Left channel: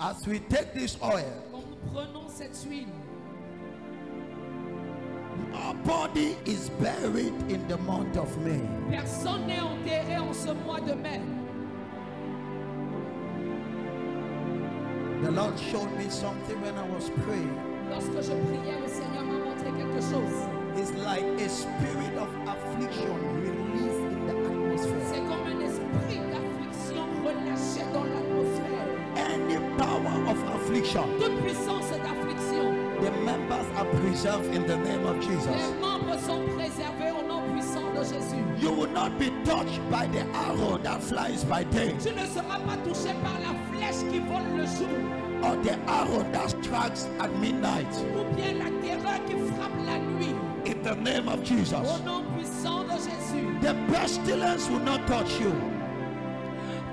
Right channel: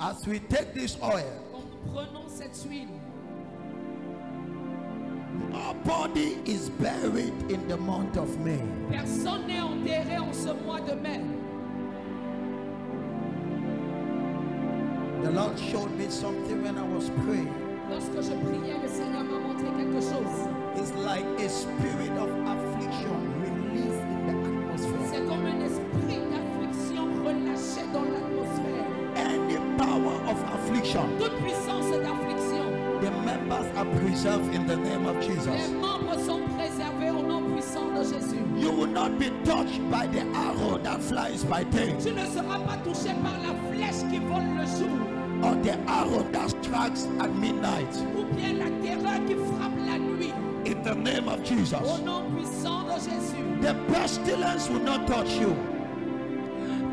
As we take this oil, quand nous prenons cette huile, nobody is buried in the month of May. personne n'est enterré en ce mois de mai. The Lord showed me something when I was praying. Lorsque je priais, le Seigneur m'a montré quelque chose. It's like a spirit of affliction released in the atmosphere. C'est comme un esprit d'affliction relâché dans l'atmosphère. Any power of affliction, Toute puissance d'affliction, the members are preserved in the name of Jesus. les membres sont préservés au nom puissant de Jésus. You will not be touched by the arrow that flies by day, Tu ne seras pas touché par la flèche qui vole le jour, or the arrow that strikes at midnight. ou bien la terreur qui frappe la nuit. In the name of Au Jesus. nom puissant de Jésus. The pestilence will not touch you.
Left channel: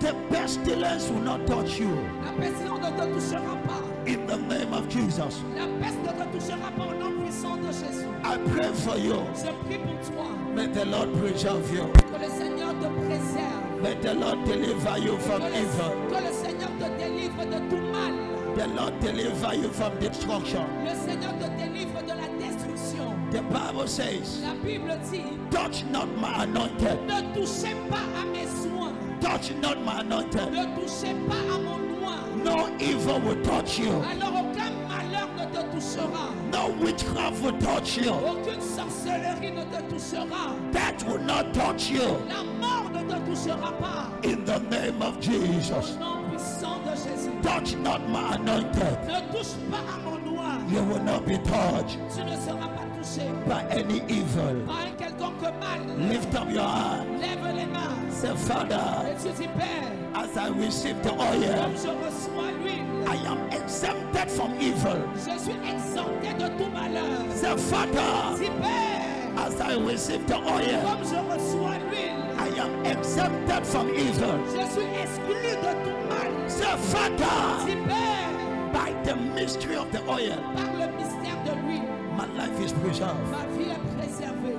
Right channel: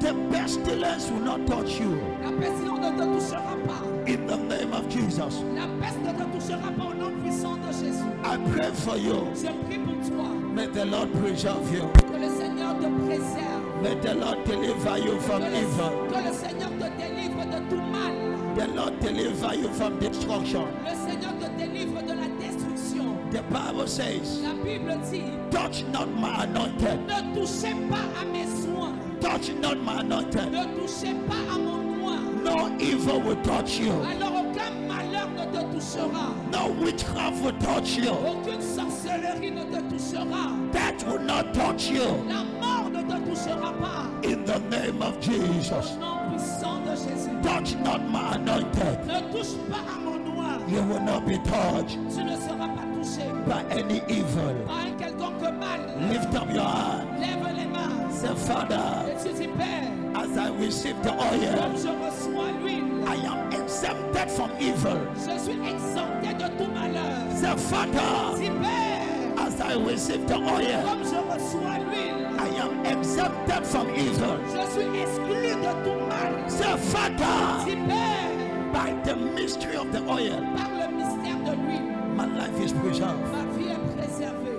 The pestilence will not touch you. La pestilence ne te touchera pas. In the name of Jesus. La peste ne te touchera pas au nom puissant de Jésus. I pray for you. Je prie pour toi. May the Lord preserve you. Que le Seigneur te préserve. May the Lord deliver you from evil. Que le Seigneur te délivre de tout mal. The Lord deliver you from destruction. Le Seigneur te délivre de la destruction. The Bible says, La Bible dit, touch not my anointed. ne touchez pas à mes soins. Touch not my anointed. Ne touchez pas à mon oint. No evil will touch you. Alors aucun malheur ne te touchera. No witchcraft will touch you. Aucune sorcellerie ne te touchera. Death will not touch you. La mort ne te touchera pas. In the name of Jesus. Au nom puissant de Jésus. Touch not my anointed. Ne touche pas à mon oint. You will not be touched Tu ne seras pas touché by any evil. par un quelconque mal. Lift up your hand. Lève les mains. Say, Father, Et tu dis, Père, as I receive the comme oil, je reçois l'huile, I am exempted from evil. je suis exempté de tout malheur. Say, Father, Dis, Père, as I receive the oil, comme je reçois l'huile, I am exempted from evil. je suis exclu de tout mal. Say, Father, Dis, Père, by the mystery of the oil, par le mystère de l'huile, my life is preserved. ma vie est préservée.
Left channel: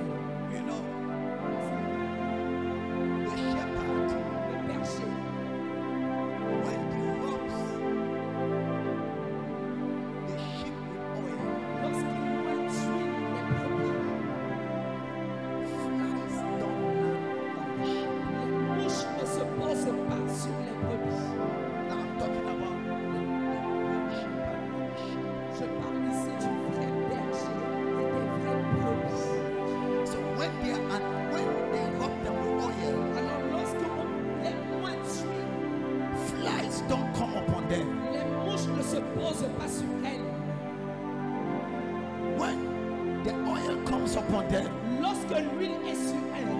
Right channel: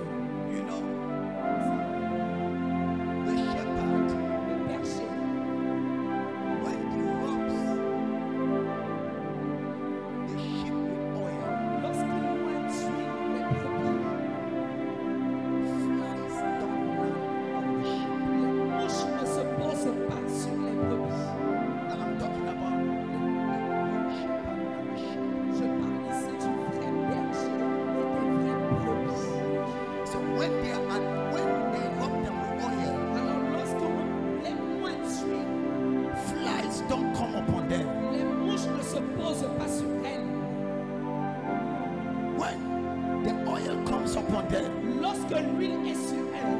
You know, the shepherd, Le berger, when he rubs the sheep with oil, lorsqu'il oint d'huile les brebis, flies don't land on the sheep. les mouches ne se posent pas sur les brebis. Now I'm talking about the good shepherd and the sheep. Je parle ici du vrai berger et des vraies brebis. So when they rub them with oil, Alors lorsqu'on les oint d'huile, flies don't come upon them. les mouches ne se posent pas sur elles. When the oil comes upon them, Lorsque l'huile est sur elles,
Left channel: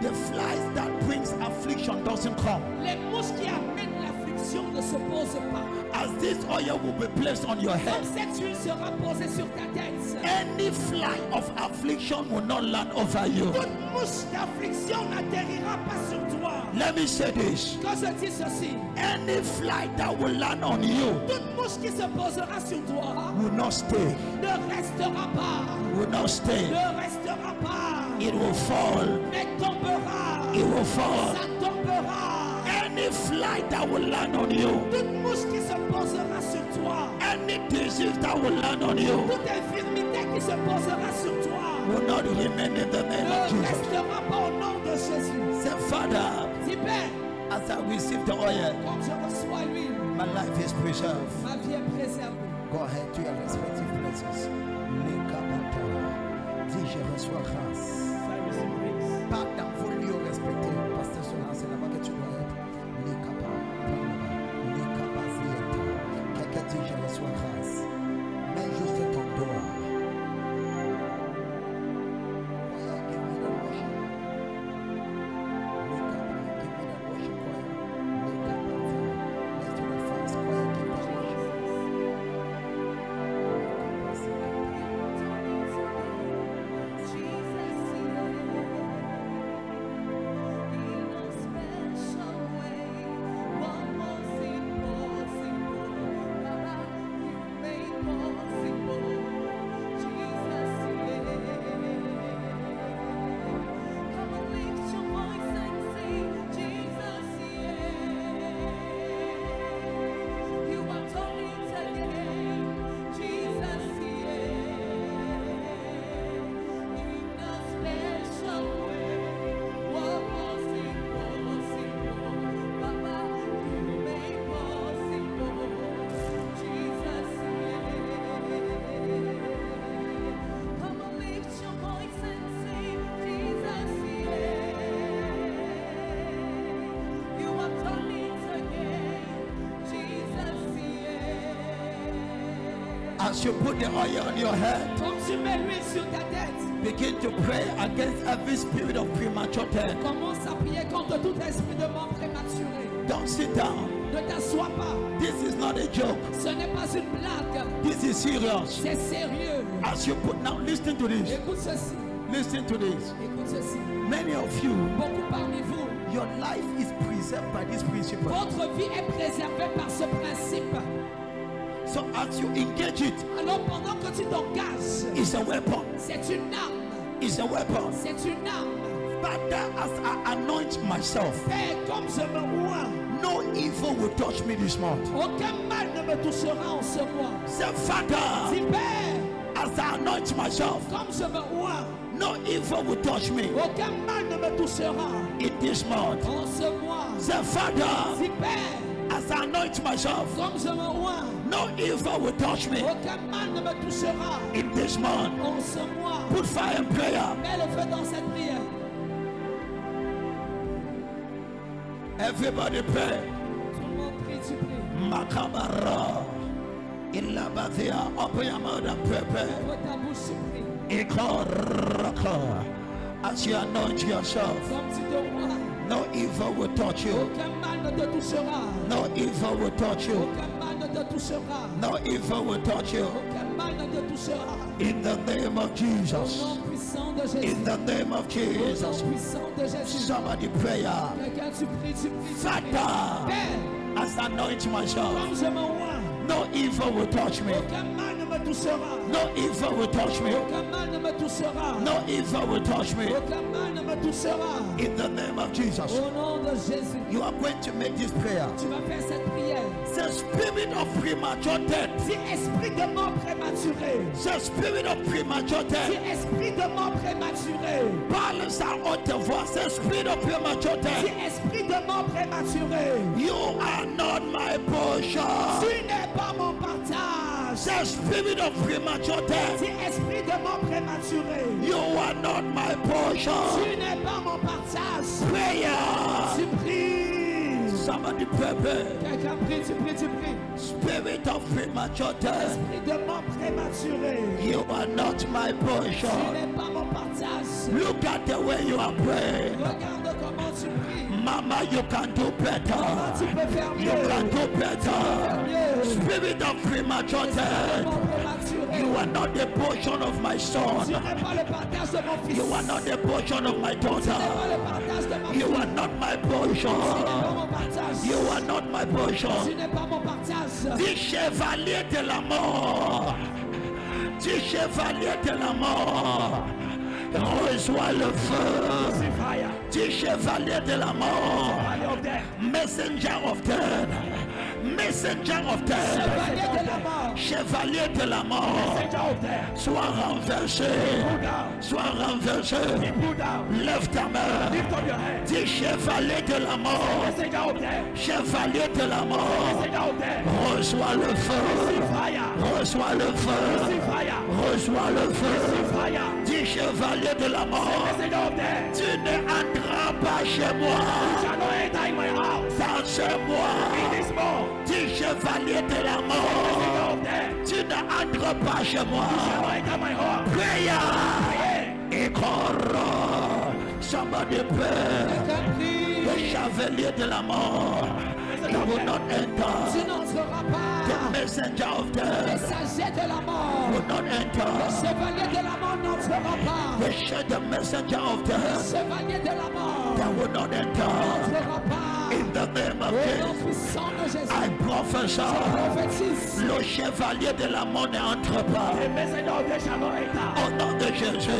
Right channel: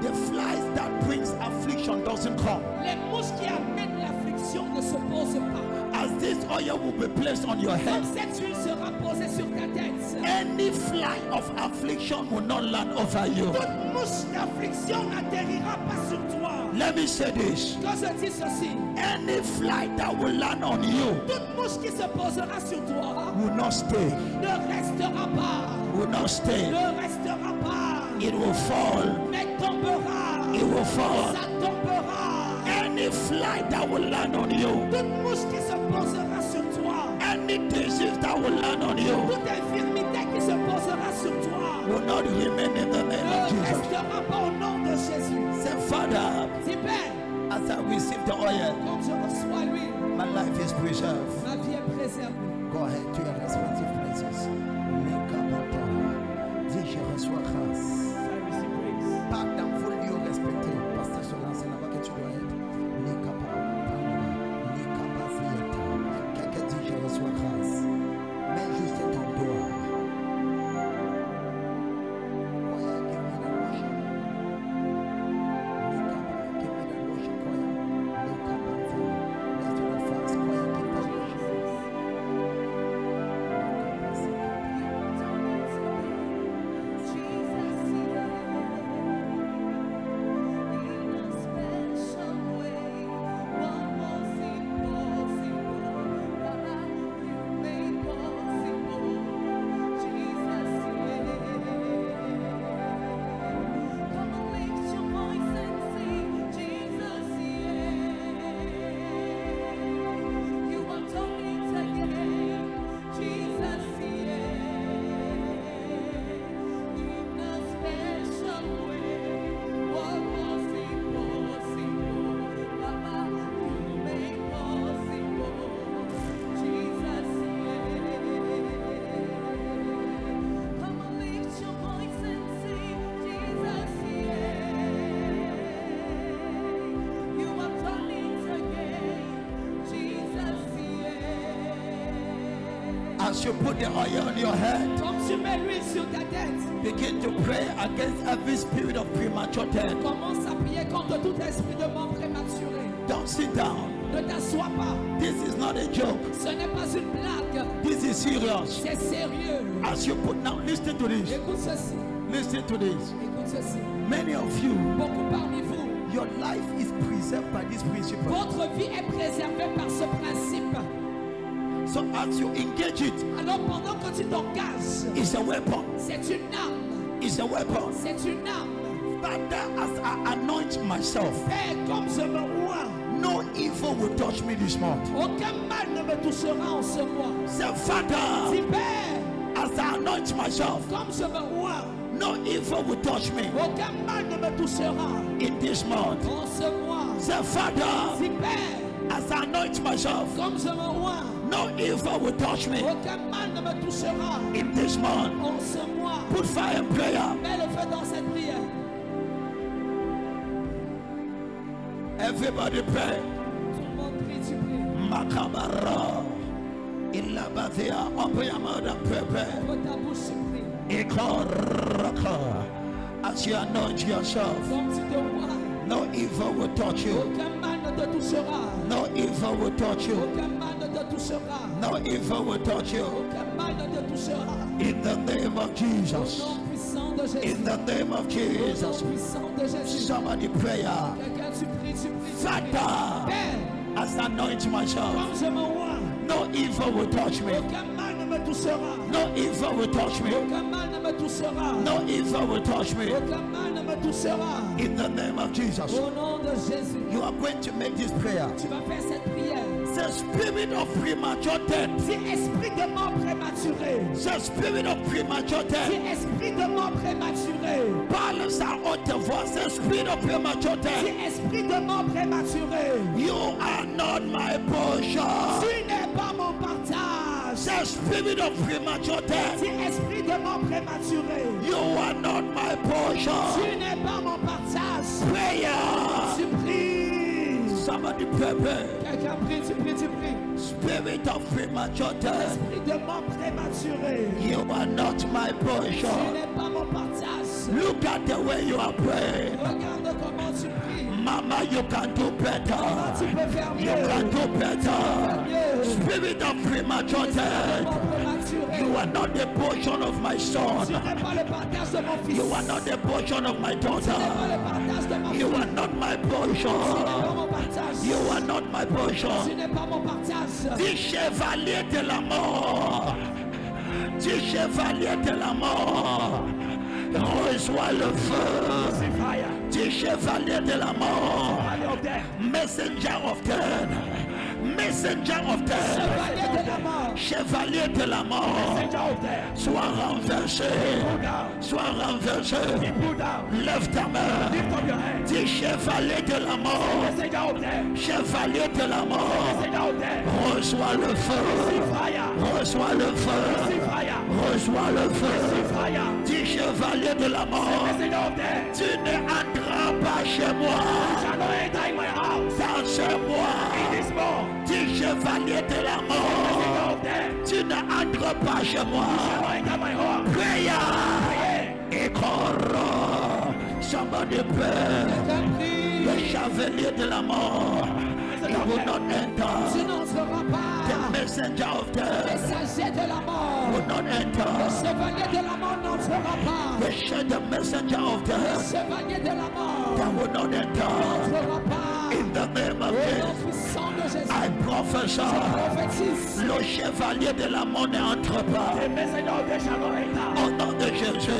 the flies that brings affliction doesn't come. les mouches qui amènent l'affliction ne se posent pas. As this oil will be placed on your head, Comme cette huile sera posée sur ta tête, any fly of affliction will not land over you. toute mouche d'affliction n'atterrira pas sur toi. Let me say this. Quand je dis ceci, Any fly that will land on you toute mouche qui se posera sur toi will not stay. ne restera pas. Will not stay. Ne restera pas. It will fall. Mais tombera. It will fall. Ça tombera. Any fly that will land on you, Toute mouche qui se posera sur toi, any disease that will land on you, toute infirmité qui se posera sur toi, will not remain in the name of ne Jesus. restera pas au nom de Jésus. Say, Father, Dis, Père, as I receive the oil, comme je reçois l'huile, my life is preserved. ma vie est préservée. Go ahead to your respective places. Lekabata. Dis, je reçois grâce. I receive grace. Pas dans vos lieux respectés. Pasteur Solan, c'est là-bas que tu dois être. Lekaba, prends là-bas. Lekaba ziyata. Quelqu'un dit, je reçois grâce. Mets juste ton doigt. Choir, give me that worship. Lekaba, give me that worship, choir. Lekaba, let's do that fast. Choir, give that worship. Lekaba ziyata. As you put the oil on your head, Comme tu mets l'huile sur ta tête, begin to pray against every spirit of premature death. commence à prier contre tout esprit de mort prématuré. Don't sit down. Ne t'assois pas. This is not a joke. Ce n'est pas une blague. This is serious. C'est sérieux. As you put now, listen to this. Écoute ceci. Listen to this. Écoute ceci. Many of you, Beaucoup parmi vous, your life is preserved by this principle. votre vie est préservée par ce principe. So as you engage it, Alors pendant que tu t'engages, it's a weapon. c'est une arme. It's a weapon. C'est une arme. Father, as I anoint myself, Père, comme je me oins, no evil will touch me this month. aucun mal ne me touchera en ce mois. Say, Father, Dis Père, as I anoint myself, comme je me oins, no evil will touch me aucun mal ne me touchera in this month. en ce mois. Say, Father, Dis Père, as I anoint myself, comme je me oins, no evil will touch me aucun mal ne me touchera in this month. en ce mois. Put fire in prayer. Mets le feu dans cette prière. Everybody pray. Tout le monde prie, tu pries. Makabara. Ilabathia. Open your mouth and pray. Ouvre ta bouche, tu pries. Ikoraka. As you anoint yourself, Comme tu te oins, no evil will touch you. aucun mal ne te touchera. No evil will touch you. Aucun mal ne te touchera. No evil will touch you. Aucun mal ne te touchera. In the name of Au Jesus. nom puissant de Jésus. In the name of Au nom Jesus. puissant de Jésus. Somebody pray. Quelqu'un, tu pries, tu pries. Father, Père, as I anoint myself, comme je me oins, no evil will touch me. aucun mal ne me touchera. No evil will touch me. Aucun mal ne me touchera. No evil will touch me. Aucun mal ne me touchera. In the name of Jesus. Au nom de Jésus. You are going to make this prayer. Tu vas faire cette prière. The spirit of premature death. Si esprit de mort prématuré, The spirit of premature si death. esprit de mort prématuré, Parle sa haute voix. The spirit of premature si death. esprit de mort prématuré, You are not my portion. tu n'es pas mon partage. The spirit of premature death. Si esprit de mort prématuré, You are not my portion. tu n'es pas mon partage. Prayer. Tu pries. Somebody pray. Quelqu'un prie, tu pries, tu pries. Spirit of premature death. Esprit de mort prématuré, You are not my tu portion. n'es pas mon partage. Look at the way you are praying. Regarde comment tu pries. Mama, you can do Comment better. tu peux faire You can mieux. do better. Mieux. Spirit of premature Esprit de death. mort prématuré, You are not the portion of my tu son. n'es pas le partage de mon fils. You are not the portion of my Tu n'es pas daughter. le partage de ma fille. You are not my Tu n'es pas portion. mon partage. You are not my Tu portion. n'es pas mon partage. Dis chevalier de la mort. Dis chevalier de la mort. Reçois le feu. Dis chevalier de la mort. Messenger of death. Messenger of death. Chevalier de la mort. Chevalier de la mort. Sois renversé. Sois renversé. Lève ta main. Dis chevalier de la mort. Chevalier de la mort. Reçois le feu. Reçois le feu. Reçois le feu. Dis chevalier de la mort. Tu ne entreras pas chez moi. Dans chez moi. Dis chevalier de la mort. Tu ne entres pas chez moi. Prière. Et corps. Somebody pray. Quelqu'un prie. Le chevalier de la mort. He will not Tu enter. n'entreras The pas. messenger of death Messager de la mort. will not Le enter. chevalier de la mort n'entrera pas. The messenger of Le death chevalier de la mort that will not enter. n'entrera pas. In the name of Au nom Jesus, puissant de Jésus. I prophesy. Prophétise. Le chevalier de la mort n'entre pas. Au nom de Jésus.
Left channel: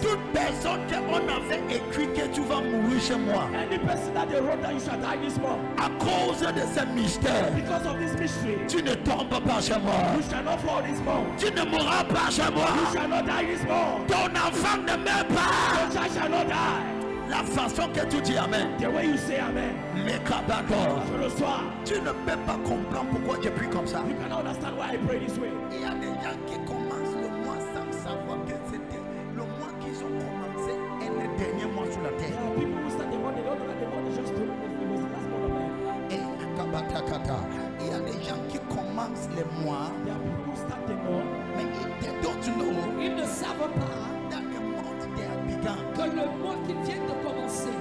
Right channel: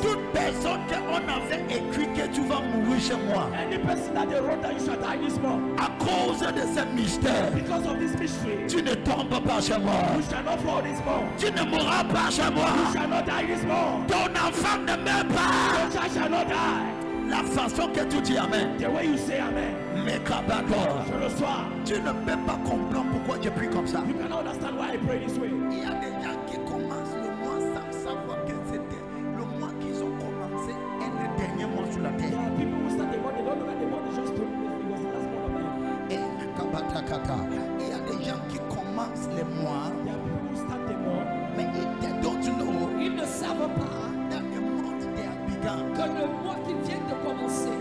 Toute personne qu'on avait écrit que tu vas mourir chez moi Any person that they wrote that you shall die this month, à cause de ce mystère, because of this mystery, tu ne tombes pas chez moi. you shall not fall this month. Tu ne mourras pas chez moi. You shall not die this month. Ton enfant ne meurt pas. Your child shall not die. La façon que tu dis Amen. The way you say amen, Mais Kabador, je reçois. tu ne peux pas comprendre pourquoi j'ai pris comme ça. You cannot understand why I pray this way. Il y a des gens qui commencent le mois sans savoir que c'était le mois qu'ils ont commencé et le dernier mois sur la There terre. are people who start the month, they don't know that the month is just it was the last month of the year. Et Kabatakata, il y a des gens qui commencent commencent les mois, There are people who start the month. mais they don't know Ils ne savent pas that the month they have begun que le mois qu'ils viennent de commencer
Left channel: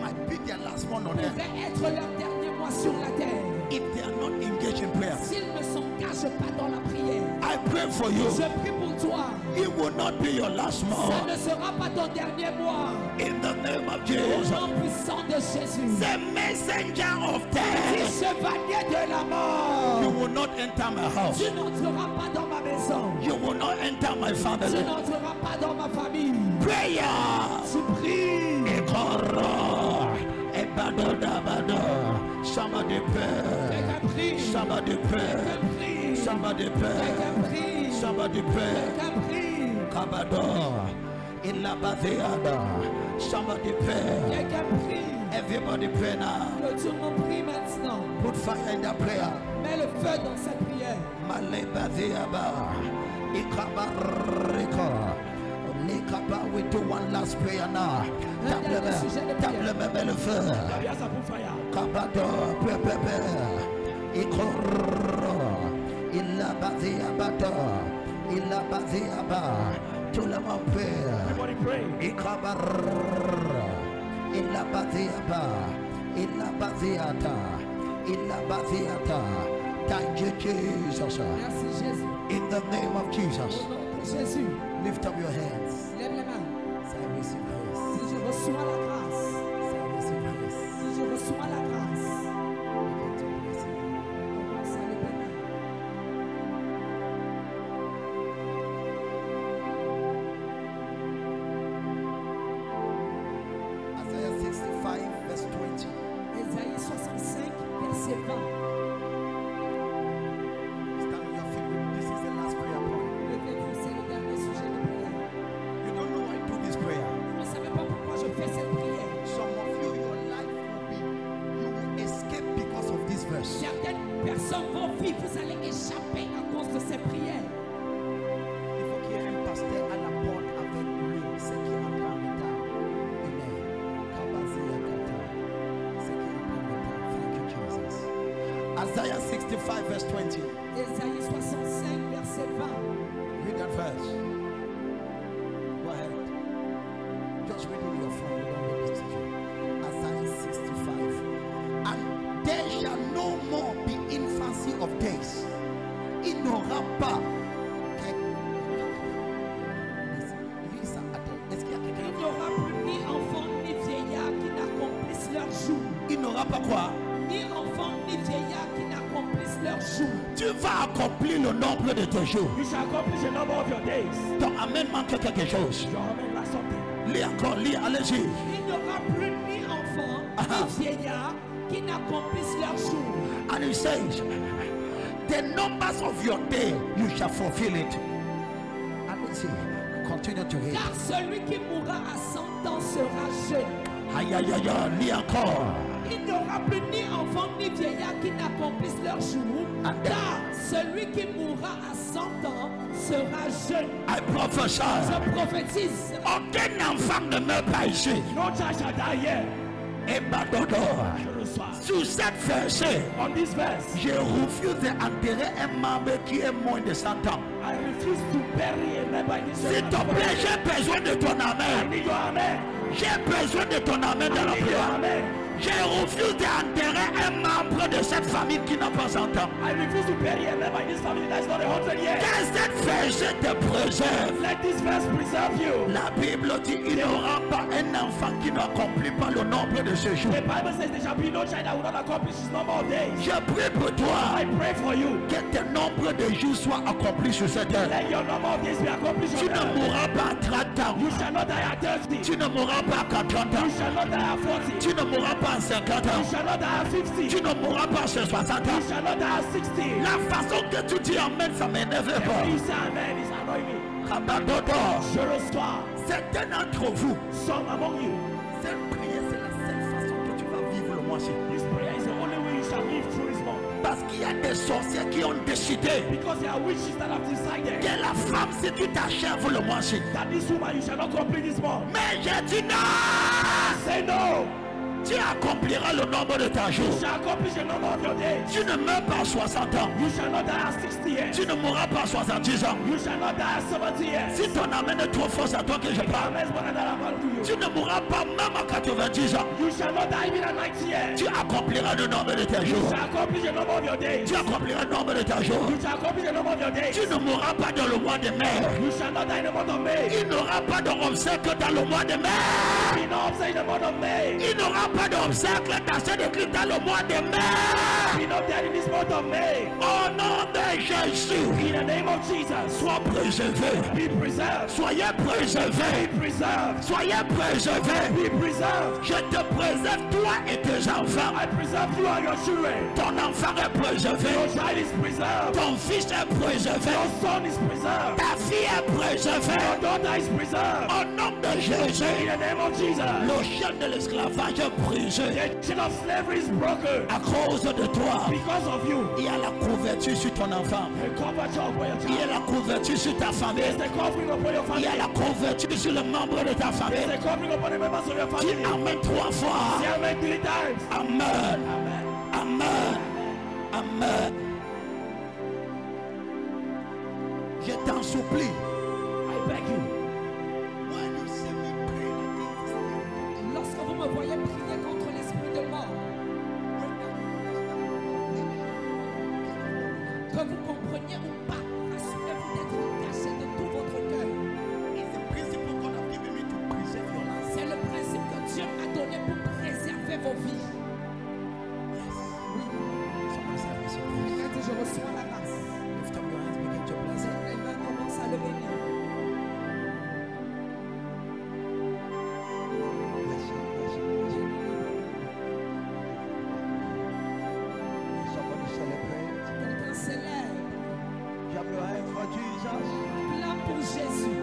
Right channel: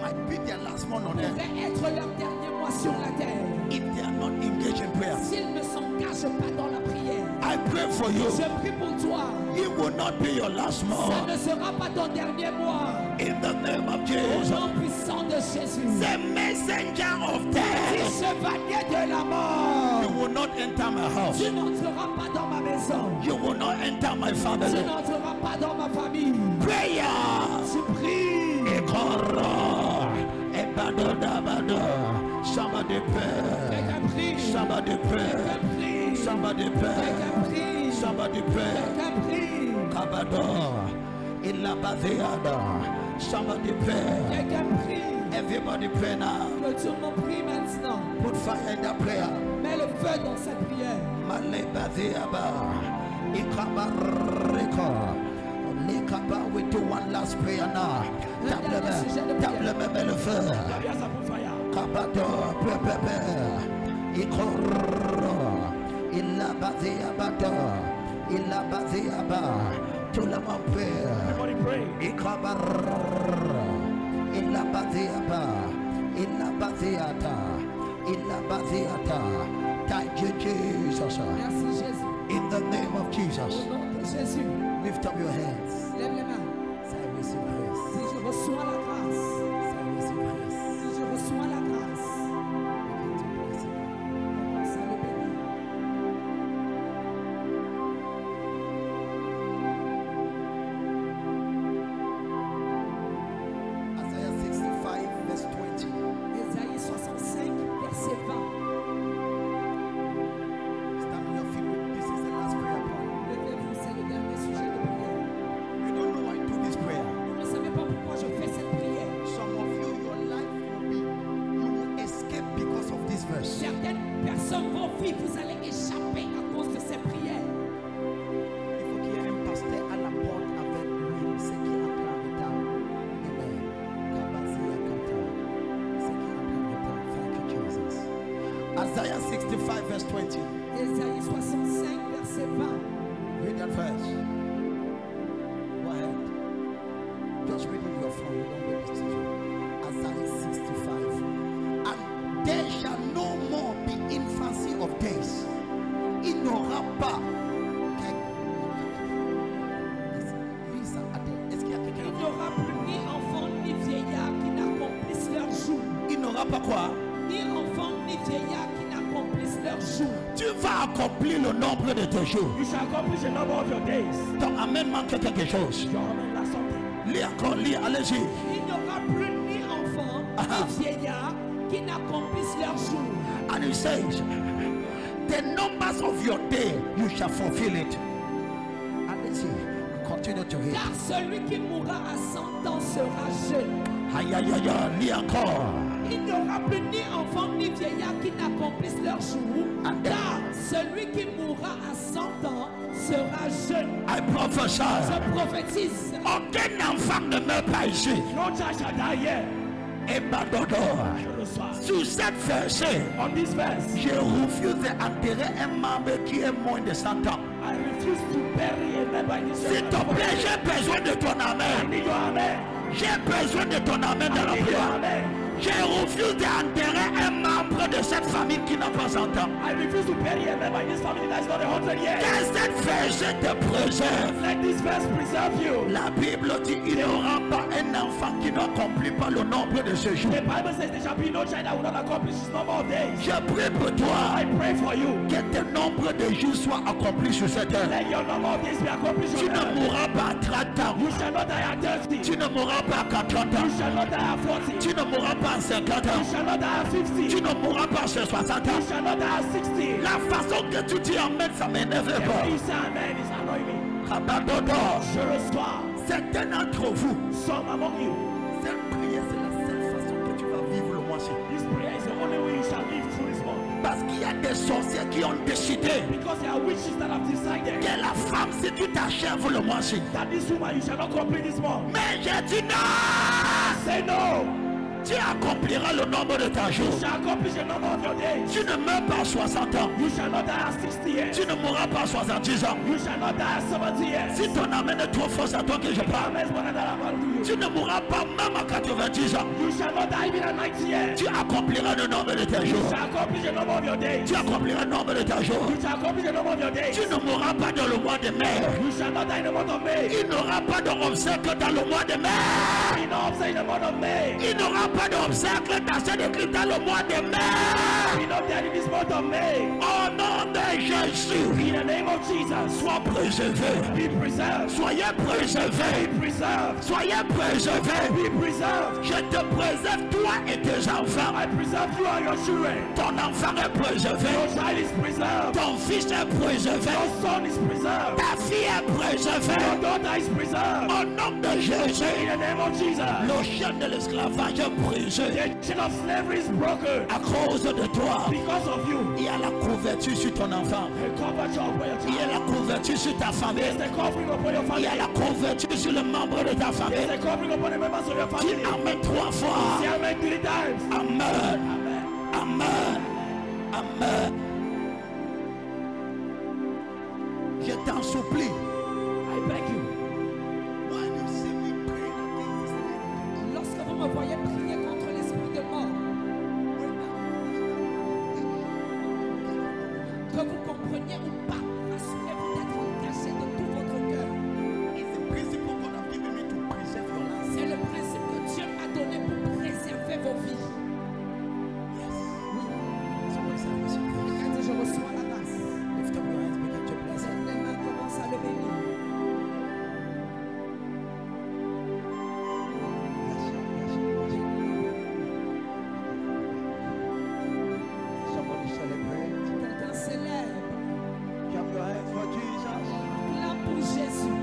might be their last one on earth pourrait être leur dernier mois sur la terre if they are not engaged in prayer. s'ils ne s'engagent pas dans la prière. I pray for you. Je prie pour toi. It will not be your last Ça month. ne sera pas ton dernier mois. In the name of Au Jesus. nom puissant de Jésus. The messenger of Dis death. chevalier de la You mort. will not enter my house. Tu n'entreras pas dans ma maison. You will not enter my Tu family. n'entreras pas dans ma famille. Prayer. Tu pries. Ekora. Ebadodabado. Somebody pray. Quelqu'un prie. Somebody pray. Quelqu'un prie. Somebody pray. Quelqu'un prie. Somebody pray. Quelqu'un prie. Kabado. Ilabaziada. Somebody pray. Quelqu'un prie. Everybody pray now. Que tout le monde prie maintenant. Put fire in the prayer. Mets le feu dans cette prière. Malebaziaba. Ikabariko. Likaba, we do one last prayer now. Table me, mets le feu. Yes, I put fire. Kabado, pepepe. Ikoro. Ilabaziabado. Ilabaziaba. Tout le monde prie. Everybody pray. Ikabar. Ilabaziaba. Ilabaziata. Ilabaziata. Thank you, Jesus. Merci Jésus. In the name of Jesus. Au nom de Jésus. Lift up your hands. Lève les mains. Say, I receive grace. Si je reçois la grâce. Say, I receive grace. Si je reçois la grâce. Begin to bless him. Commence à le bénir. Isaiah 65, verse 20. Ésaïe 65, verset 20. Stand on your feet. This is the last prayer point. Levez-vous, c'est le dernier sujet de prière. You don't know why I do this prayer. Vous ne savez pas pourquoi je fais cette prière. Some of you, your life will be, you will escape because of this verse. Certaines personnes vont vivre, vous allez échapper à cause de ces prières. Il faut qu'il y ait un pasteur à la porte avec lui, ce qui entre en retard. Amen. Kabazia kata. Ce qui entre en retard. Thank you, Jesus. Isaiah 65, verse 20. Ésaïe 65, verset 20. Read that verse. Go ahead. Just read it in your phone. We don't read this to you. Isaiah 65. And there shall no more be infancy of days. Il n'aura pas. Lisa, attends. Est-ce qu'il y a quelqu'un? Il n'y aura plus ni enfants ni vieillards qui n'accomplissent leur jour. Il n'aura pas quoi? Ni enfants ni vieillards qui n'accomplissent leur jour. Tu vas accomplir le nombre de tes jours. You shall accomplish the number of your days. Ton amen manque quelque chose. Your amen last something. Lis encore, lis, allez-y. Il n'y aura plus ni enfants ni vieillards qui n'accomplissent leur jour. And he says, the numbers of your day, you shall fulfill it. Allez-y, continue to read. Car celui qui mourra à 100 ans sera jeune. Aïe, aïe, aïe, aïe, lis encore. Il n'y aura plus ni enfants ni vieillards qui n'accomplissent leur jour. Car celui qui mourra à 100 ans sera jeune. I prophesy. Je prophétise. Aucun enfant ne meurt pas ici. No child shall die here. Et Badodo. Je reçois. Sur cette verset, On this verse, je refuse d'enterrer un membre qui est moins de 100 ans. I refuse to bury a member in this S'il te plaît, j'ai besoin de ton I amen. need your amen. J'ai besoin de ton amen dans la I need your prière. amen. Je refuse d'enterrer un membre de cette famille qui n'a pas 100 ans. I refuse to bury a member in this family that is not 100 years. Que cette verset te préserve. Let this verse preserve you. La Bible dit il n'y aura pas un enfant qui n'accomplit pas le nombre de ses jours. The Bible says there shall be no child that will not accomplish his number of days. Je prie pour toi I pray for you. que tes nombres de jours soient accomplis sur cette terre. Let your number of days be accomplished Tu on ne earth. mourras pas à 30 ans. You shall not die at 30. Tu ne mourras pas à 40 ans. You shall not die at 40. Tu ne mourras pas à 50 You ans. shall not die at 50. Tu ne mourras pas à 60 You ans. shall not die at 60. La façon que tu dis amen, ça m'énerve The pas. way you say amen is annoying me. Rabadodo. Je reçois. Certains d'entre vous, Some among you. cette prière, c'est la seule façon que tu vas vivre le mois-ci. This prayer is the only way you shall live through this month. Parce qu'il y a des sorciers qui ont décidé Because there are witches that have decided que la femme, si tu t'achèves le mois-ci. that this woman you shall not complete this month. Mais j'ai dit non. Say no. Tu accompliras le nombre de ta jour. You shall accomplish the number of your days. Tu ne meurs pas à 60 ans. You shall not die at 60 years. Tu ne mourras pas à 70 ans. You shall not die at 70 years. Si ton amène est trop fort, c'est à toi que je parle. Amen. More than that about you. Tu ne mourras pas même à 90 ans. You shall not die even at 90 years. Tu accompliras le nombre de tes You jours. shall accomplish the number of your days. Tu accompliras le nombre de tes jours. You shall accomplish the number of your days. Tu ne mourras pas dans le mois de mai. You shall not die in the month of May. Il n'aura pas d'obstacle dans le mois de mai. Be not upset in the month of May. Il n'aura pas d'obstacle dans cette église dans le mois de mai. Be not dead in this month of May. Au nom de Jésus. In the name of Jesus. Sois préservé. Be preserved. Soyez préservé. Be preserved. Soyez préservé. Be preserved. Je te préserve toi et tes enfants. I preserve you and your children. Ton enfant est préservé. Your child is preserved. Ton fils est préservé. Your son is preserved. Ta fille est préservée. Your daughter is preserved. Au nom de Jésus. In the name of Jesus. Le chaîne de l'esclavage est brisé. The chain of slavery is broken. À cause de toi. Because of you. Il y a la couverture sur ton enfant. The coverage upon your Il y a child. la couverture sur ta famille. There's the covering upon your Il y family. a la couverture sur le membre de ta There's famille. the covering upon the members of your Dis family. Amen 3 fois. Say amen 3 times. Amen. Amen. Amen. Amen. Je t'en supplie. I beg you. When you see me praying against the spirit of death, Lorsque vous me voyez prier contre l'esprit de mort, que vous compreniez ou pas, rassurez-vous d'être caché de tout votre cœur. it's the principle God has given me to preserve your life. C'est le principe que Dieu m'a donné pour préserver vos vies. Oui. Somebody say, I receive grace. Quelqu'un dit, je reçois la grâce. Lift up your hands, begin to bless it. Les mains commencent à le bénir. Bless it, bless it, bless it. Somebody celebrate. Quelqu'un célèbre. Clap your hands for Jesus. Clame pour Jésus.